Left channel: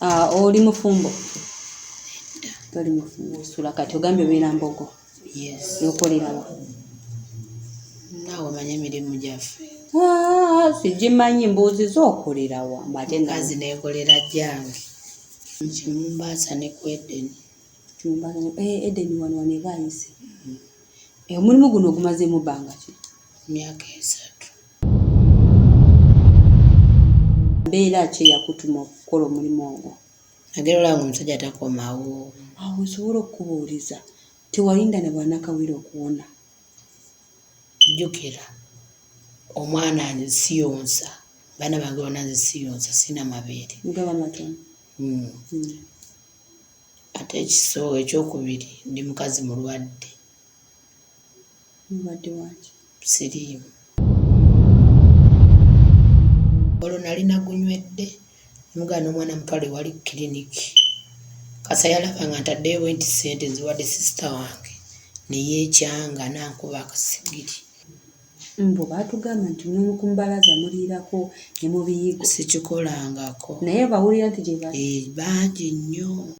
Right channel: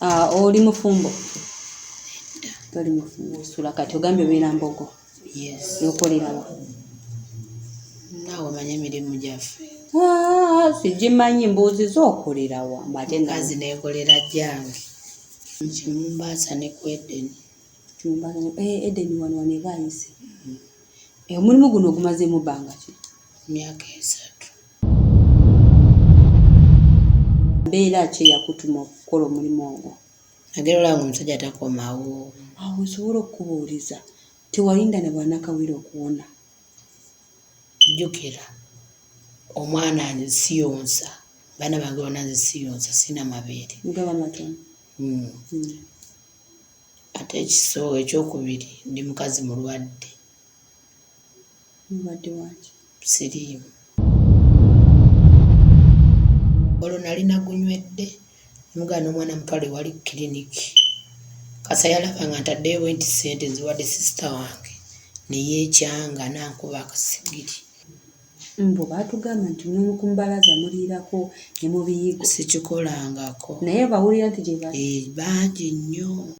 Oli mufumbo. Toli mufumbo. Sula kati ogambye obeera Mbogo. Yes. Yokolerawa. Naawe manya emirimu gyaffe. Sigimanyi mbuuziza okolerawa. Mukazi neekolera jjange. Kimumbaasa ne ku Edeni. Edeni wano ne baayise. Omulimu guno ogumazeemu bbanga ki? Myaka 3. Mbeera ki eyakutuma okukola omulimu ogwo? Nagerera nga omusajja takomawo. Awo osobola okubuuliza. Tewalinda ne bwannakawere okuwona. Jjukira omwana nzisiyonsa. Baana bange bonna nzisiyonsa sina mabeere. Mugaba matono. Ate ekiso ekyokubiri ndi mukazi mulwadde. Mulwadde waki? Sirimu. Olwo nali nagunywedde mugana omwana mutwale wali kiriniki. Kasa yalaba nga ntaddeyo bwenti ssente nziwadde sisita wange neyeekyanga nankuba akasigiri. Mbo baatugamba nti n'omukumbalaza muliirako ne mubiyigo. Sikikolangako. Naye bawulira nti gye bangi nnyo.